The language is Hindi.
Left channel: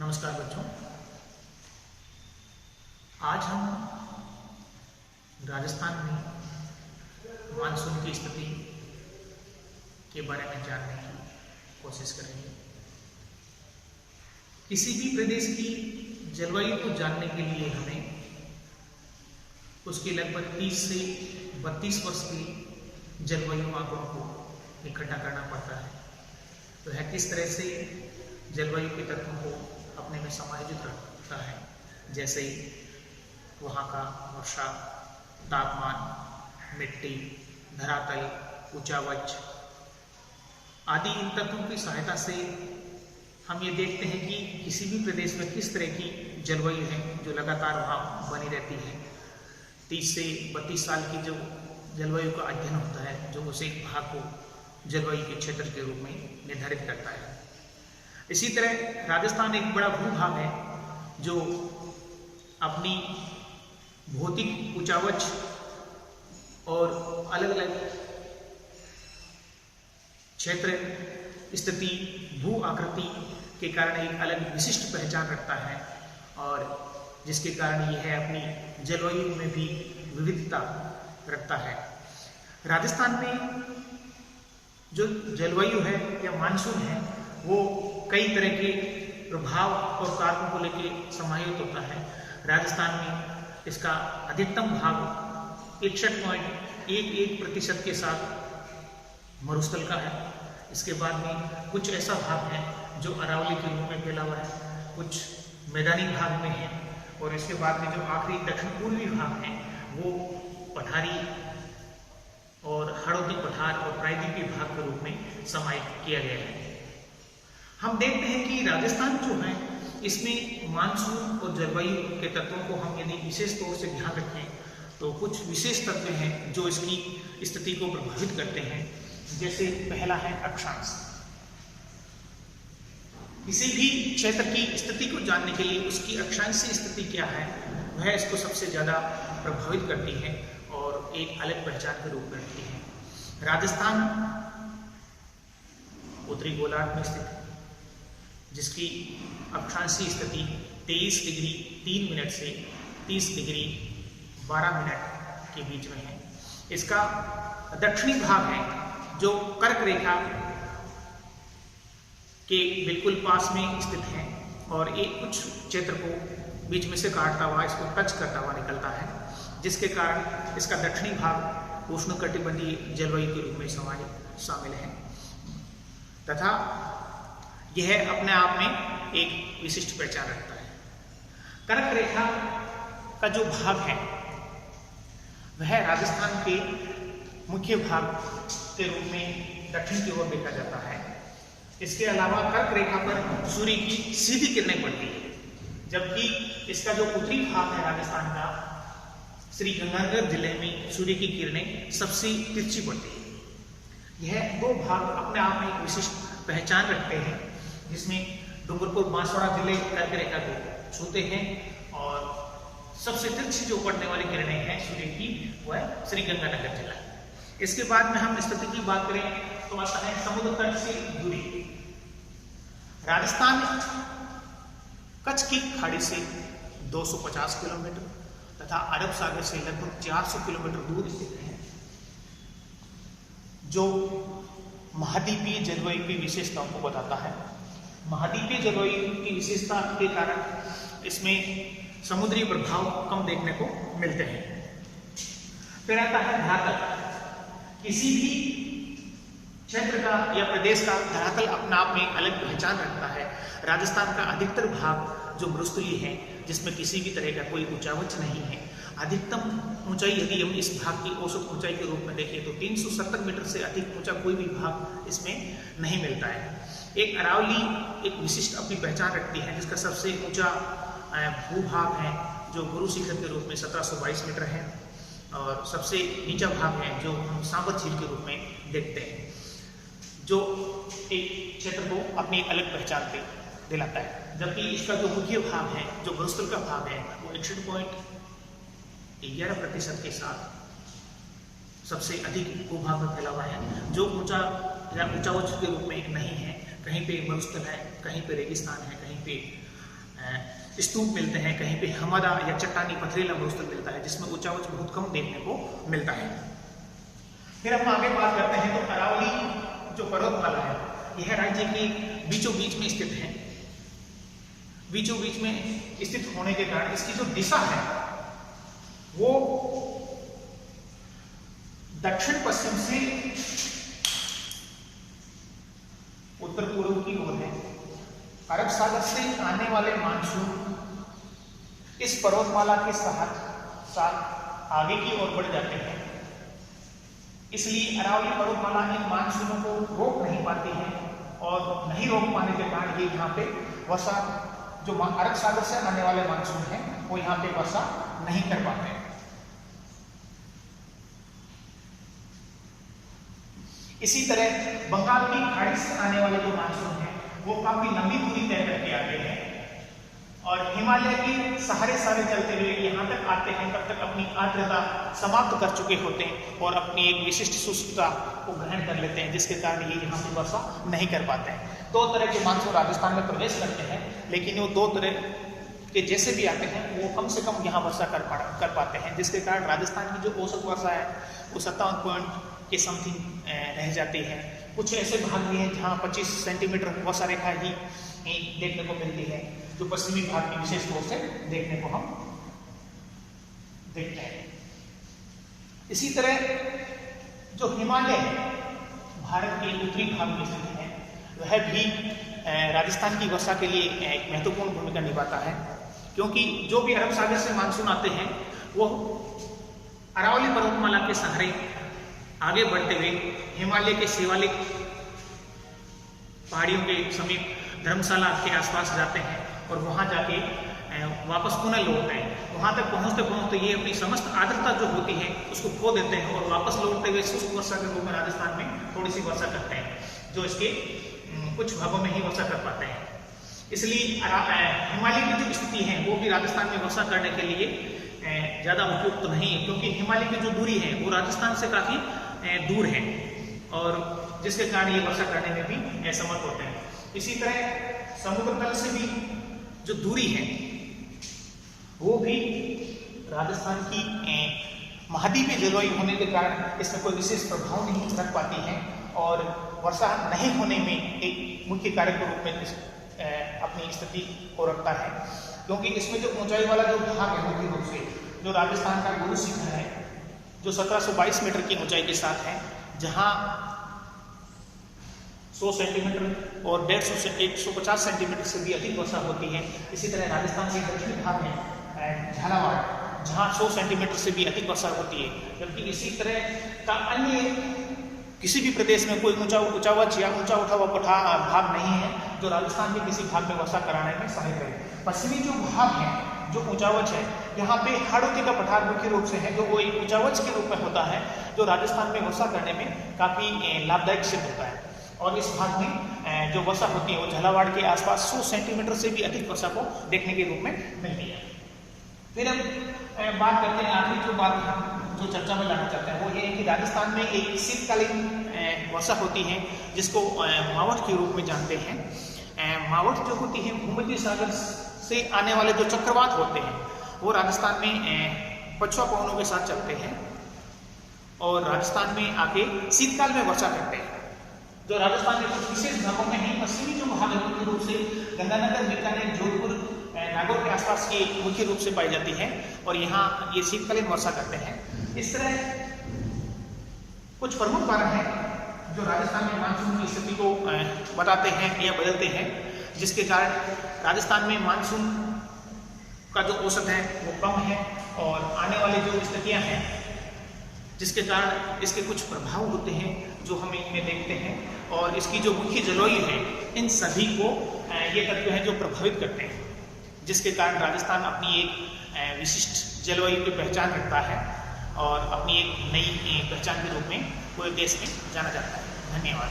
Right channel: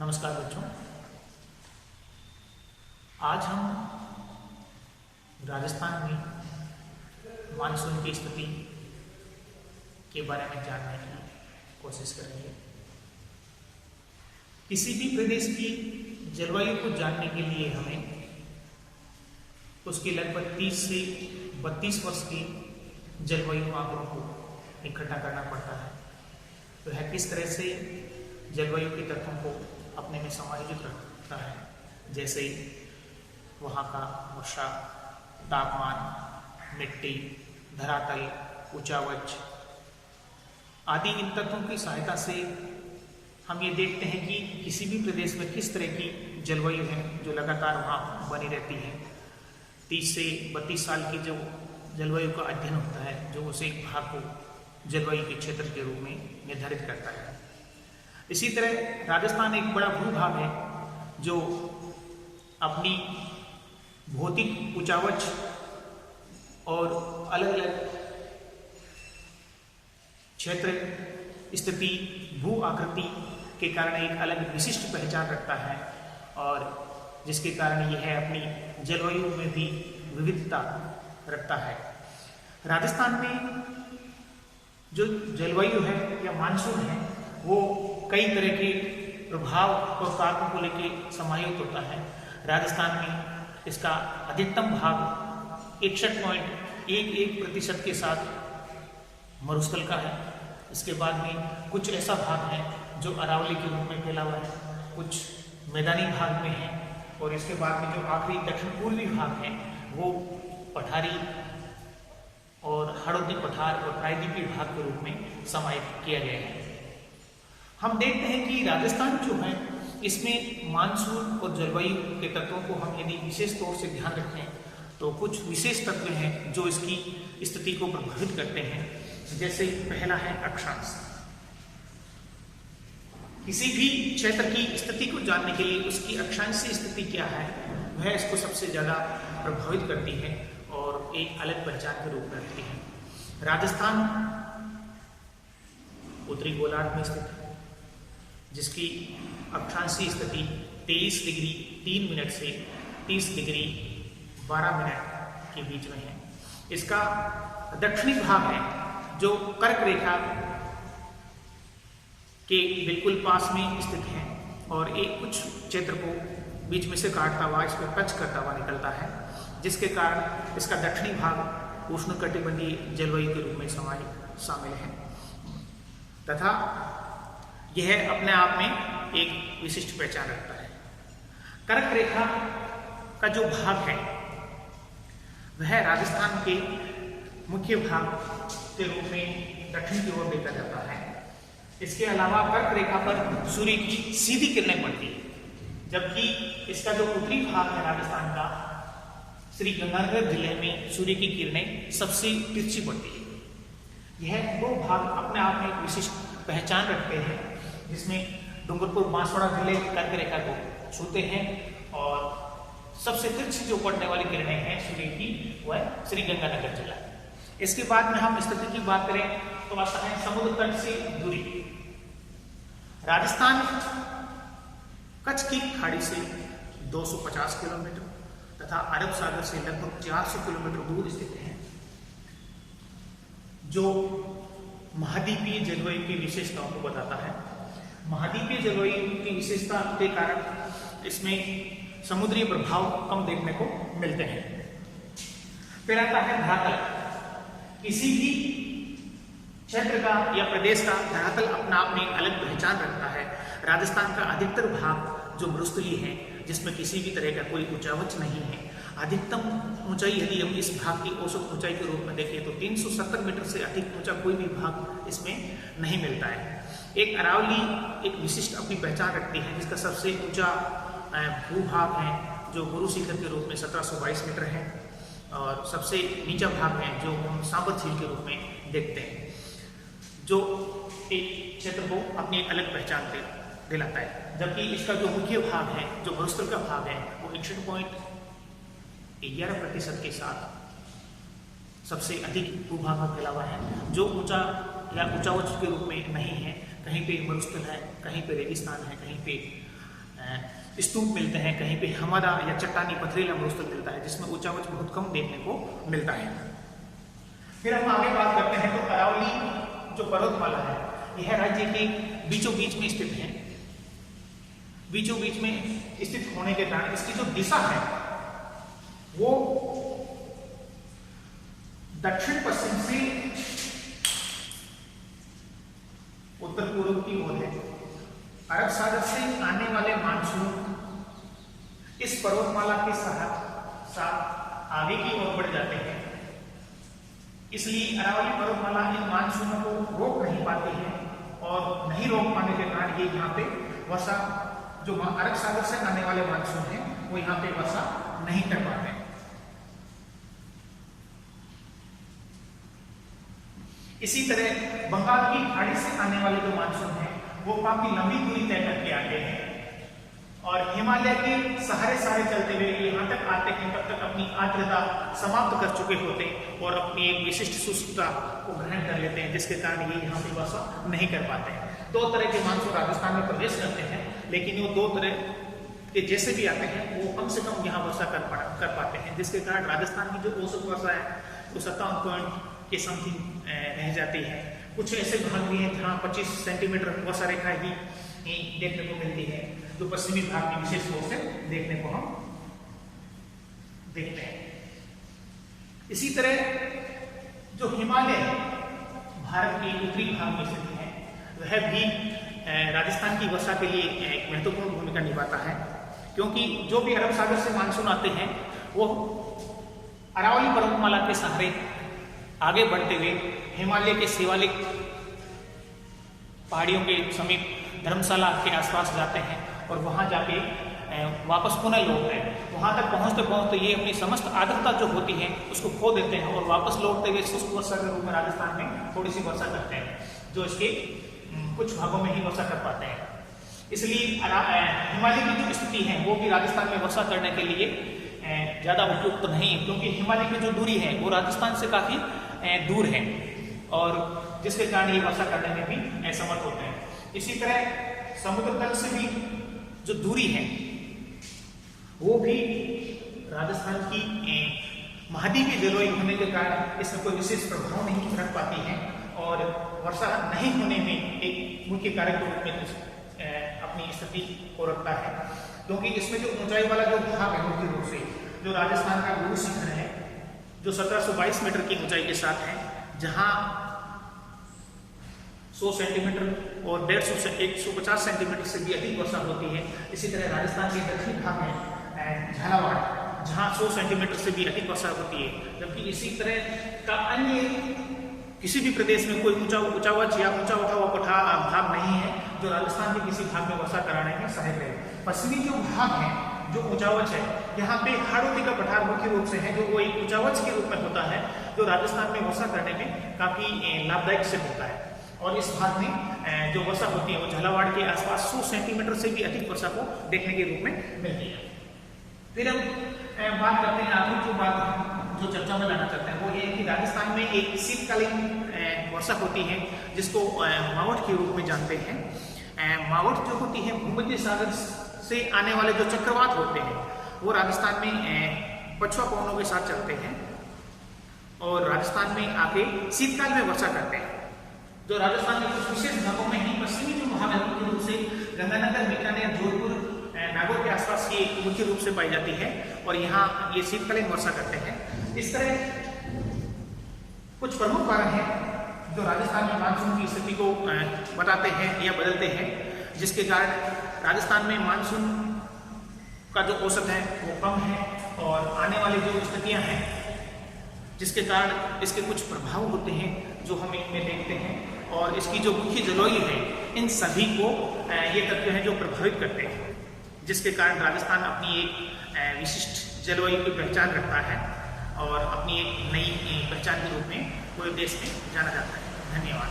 नमस्कार बच्चों। आज हम राजस्थान में मानसून की स्थिति के बारे में जानने की कोशिश करेंगे। किसी भी प्रदेश की जलवायु को जानने के लिए हमें उसके लगभग 30 से 32 वर्ष के जलवायु आंकड़ों को इकट्ठा करना पड़ता है। तो यह किस तरह से जलवायु के तत्वों को अपने में समायोजित रखता है, जैसे वहाँ का वर्षा, तापमान, मिट्टी, धरातल, ऊंचावच आदि इन तत्वों की सहायता से हम ये देखते हैं कि किसी भी प्रदेश में किस तरह की जलवायु है जो लगातार वहाँ बनी रहती है। 30 से 32 साल की जो जलवायु का अध्ययन होता है, जो उस एक भाग को जलवायु के क्षेत्र के रूप में निर्धारित करता है। इसी तरह राजस्थान एक बड़ा भूभाग है जो अपनी भौतिक ऊंचावच और अलग अलग क्षेत्र, स्थिति, भू आकृति के कारण एक अलग विशिष्ट पहचान रखता है और जिसके कारण यह अपनी जलवायु में भी विविधता रखता है। राजस्थान में जो जलवायु है या मानसून है वो कई तरह के प्रभाव और कारकों को लेकर समायोजित होता है। राजस्थान में इसका अधिकतम भाग 61.11% के साथ मरुस्थल का है। इसके बाद में कुछ ऐसा भाग है जो अरावली के रूप में फैला हुआ है, कुछ मैदानी भाग में है और इसके बाद में जो आखिरी दक्षिण पूर्वी भाग है वो पठारी और हाड़ौती पठार और प्रायद्वीपीय भाग के रूप में समाहित किया गया है। हम देखते हैं कि राजस्थान जो है इसमें मानसून और जलवायु के तत्वों को हम यदि विशेष तौर से ध्यान रखें तो कुछ विशेष तत्व हैं जो इसकी स्थिति को प्रभावित करते हैं। जैसे पहला है अक्षांश। किसी भी क्षेत्र की स्थिति को जानने के लिए उसकी अक्षांशीय स्थिति क्या है वह इसको सबसे ज्यादा प्रभावित करती है और एक अलग पहचान के रूप में रखती है। राजस्थान उत्तरी गोलार्ध में स्थित है जिसकी अक्षांशीय स्थिति 23 डिग्री 3 मिनट से 30 डिग्री 12 मिनट के बीच में है। इसका दक्षिणी भाग है जो कर्क रेखा के बिल्कुल पास में स्थित है और एक कुछ क्षेत्र को बीच में से काटता हुआ, इसको टच करता हुआ निकलता है, जिसके कारण इसका दक्षिणी भाग उष्णकटिबंधीय जलवायु के रूप में शामिल है तथा यह अपने आप में एक विशिष्ट पहचान रखता है। कर्क रेखा का जो भाग है वह राजस्थान के मुख्य भाग के रूप में दक्षिण की ओर देखा जाता है। इसके अलावा कर्क रेखा पर सूर्य की सीधी किरणें पड़ती है, जबकि इसका जो उत्तरी भाग है राजस्थान का, श्री गंगानगर जिले में सूर्य की किरणें सबसे तिरछी पड़ती है। यह दो भाग अपने आप में एक विशिष्ट पहचान रखते हैं, जिसमें डूंगरपुर बांसवाड़ा जिले कर्क रेखा को छूते हैं और सबसे तिरछी जो पड़ने वाली किरणें हैं सूर्य की वह श्री गंगानगर जिला। इसके बाद में हम स्थिति की बात करें तो आता है समुद्र तट से दूरी। राजस्थान कच्छ की खाड़ी से 250 किलोमीटर तथा अरब सागर से लगभग 400 किलोमीटर दूर स्थित है, जो महाद्वीपीय जलवायु की विशेषताओं को बताता है। महाद्वीपीय जलवायु की विशेषता के कारण इसमें समुद्री प्रभाव कम देखने को मिलते हैं। फिर आता है धरातल। किसी भी क्षेत्र का या प्रदेश का धरातल अपने आप में अलग पहचान रखता है। राजस्थान का अधिकतर भाग जो मरुस्थलीय है, जिसमें किसी भी तरह का कोई ऊंचावच नहीं है। अधिकतम ऊंचाई यदि हम इस भाग की औसत ऊंचाई के रूप में देखें तो 370 मीटर से अधिक ऊंचा कोई भी भाग इसमें नहीं मिलता है। एक अरावली एक विशिष्ट अपनी पहचान रखती है, जिसका सबसे ऊंचा भूभाग है जो गुरु शिखर के रूप में 1722 मीटर है और सबसे नीचा भाग है जो हम सांबर झील के रूप में देखते हैं, जो एक क्षेत्र को अपनी एक अलग पहचान दिलाता है। जबकि इसका जो मुख्य भाग है, जो मरुस्थल का भाग है, वो 61.11% के साथ सबसे अधिक भूभाग में फैला हुआ है, जो ऊंचा या ऊंचावच के रूप में नहीं है। कहीं पे मरुस्थल है, कहीं पे रेगिस्तान है, कहीं पे स्तूप मिलते हैं, कहीं पे हमदा या चट्टानी पथरीला मरुस्थल मिलता है, जिसमें ऊंचा उच्च बहुत कम देखने को मिलता है। फिर हम आगे बात करते हैं तो अरावली जो पर्वतमाला है, यह राज्य के बीचों बीच में स्थित है। बीचों बीच में स्थित होने के कारण इसकी जो दिशा है वो दक्षिण पश्चिम से उत्तर पूर्व की ओर है। अरब सागर से आने वाले मानसून इस पर्वतमाला के साथ आगे की ओर बढ़ जाते हैं, इसलिए अरावली पर्वतमाला इन मानसूनों को रोक नहीं पाती है, और नहीं रोक पाने के कारण ये यहाँ पे वर्षा, जो अरब सागर से आने वाले मानसून है वो यहाँ पे वर्षा नहीं कर पाते। इसी तरह बंगाल की खाड़ी से आने वाले जो मानसून है वो काफी लंबी दूरी तय करके आते हैं, और हिमालय के सहारे चलते हुए यहाँ तक आते हैं, तब तक अपनी आर्द्रता समाप्त कर चुके होते हैं और अपनी एक विशिष्ट शुष्कता को ग्रहण कर लेते हैं, जिसके कारण ये यहाँ पे वर्षा नहीं कर पाते हैं। दो तरह के मानसून राजस्थान में प्रवेश करते हैं, लेकिन वो दो तरह के जैसे भी आते हैं वो कम से कम यहाँ वर्षा कर पाते हैं, जिसके कारण राजस्थान की जो औसत वर्षा है वो 57 पॉइंट के समथिंग रह जाती है। कुछ ऐसे भाग भी हैं जहाँ 25 सेंटीमीटर वर्षा रेखा ही देखने को मिलती है, जो पश्चिमी भाग में विशेष रूप से देखने को हम देखते हैं। इसी तरह जो हिमालय भारत के उत्तरी भाग में स्थित है, वह भी राजस्थान की वर्षा के लिए एक महत्वपूर्ण भूमिका निभाता है, क्योंकि जो भी अरब सागर से मानसून आते हैं वो अरावली पर्वतमाला के सहारे आगे बढ़ते हुए हिमालय के शिवालिक पहाड़ियों के समीप धर्मशाला के आसपास जाते हैं और वहां जाके वापस पुनः लौटते हैं। वहां तक पहुंचते पहुंचते ये अपनी समस्त आर्द्रता जो होती है उसको खो देते हैं और वापस लौटते हुए शुष्क वर्षा के रूप में राजस्थान में थोड़ी सी वर्षा करते हैं, जो इसके कुछ भागों में ही वर्षा कर पाते हैं। इसलिए हिमालय की जो स्थिति है वो भी राजस्थान में वर्षा करने के लिए ज्यादा उपयुक्त नहीं है, क्योंकि हिमालय की जो दूरी है वो राजस्थान से काफी दूर है, और जिसके कारण ये वर्षा करने में भी असमर्थ होते हैं। इसी तरह समुद्र तल से भी जो दूरी है वो भी राजस्थान की महाद्वीपीय जलवायु होने के कारण इसमें कोई विशेष प्रभाव नहीं रख पाती है, और वर्षा नहीं होने में एक मुख्य कारण के रूप में अपनी स्थिति को रखता है, क्योंकि इसमें जो ऊंचाई वाला जो भाग है मुख्य रूप से जो राजस्थान का गुरु शिखर है, जो 1722 मीटर की ऊंचाई के साथ है, जहां 100 सेंटीमीटर और 150 से 150 सेंटीमीटर से भी अधिक वर्षा होती है। इसी तरह राजस्थान के दक्षिणी भाग में झालावाड़, जहां 100 सेंटीमीटर से भी अधिक वर्षा होती है, जबकि इसी तरह का अन्य किसी भी प्रदेश में कोई ऊंचा उठा हुआ भाग नहीं है जो राजस्थान के किसी भाग में वर्षा कराने में सहायक है। पश्चिमी जो भाग है, जो ऊंचावच है, यहाँ पे हाड़ौती का पठार मुख्य रूप से है, जो वो एक ऊंचावच के रूप में होता है, जो राजस्थान में वर्षा करने में काफी लाभदायक सिद्ध होता है। और इस भाग में जो वर्षा होती है वो झालावाड़ के आसपास 100 सेंटीमीटर से भी अधिक वर्षा को देखने के रूप में मिलती है। फिर हम बात करते हैं, आखिरी जो बात जो चर्चा में लाना चाहते हैं वो ये है कि राजस्थान में एक शीतकालीन वर्षा होती है जिसको मावठ के रूप में जानते हैं। मावठ जो होती है भूमध्य सागर से आने वाले जो चक्रवात होते हैं वो राजस्थान में पछुआ पवनों के साथ चलते हैं और राजस्थान में आके शीतकाल में वर्षा करते हैं। जो राजस्थान में कुछ विशेष भागों में ही पश्चिमी जो भाग है मुख्य रूप से गंगानगर, बीकानेर, जोधपुर, नागौर के आसपास की मुख्य रूप से पाई जाती है और यहाँ ये शीतकालीन वर्षा करते हैं। इस तरह कुछ प्रमुख कारण हैं जो राजस्थान में मानसून की स्थिति को बताते हैं या बदलते हैं, जिसके कारण राजस्थान में मानसून का जो औसत है वो कम है और आने वाली जो स्थितियां हैं जिसके कारण इसके कुछ प्रभाव होते हैं जो हम इनमें देखते हैं और इसकी जो मुख्य जलवायु है इन सभी को ये तत्व हैं जो प्रभावित करते हैं, जिसके कारण राजस्थान अपनी एक विशिष्ट जलवायु की पहचान रखता है और अपनी एक नई पहचान के रूप में पूरे देश में जाना जाता है। धन्यवाद।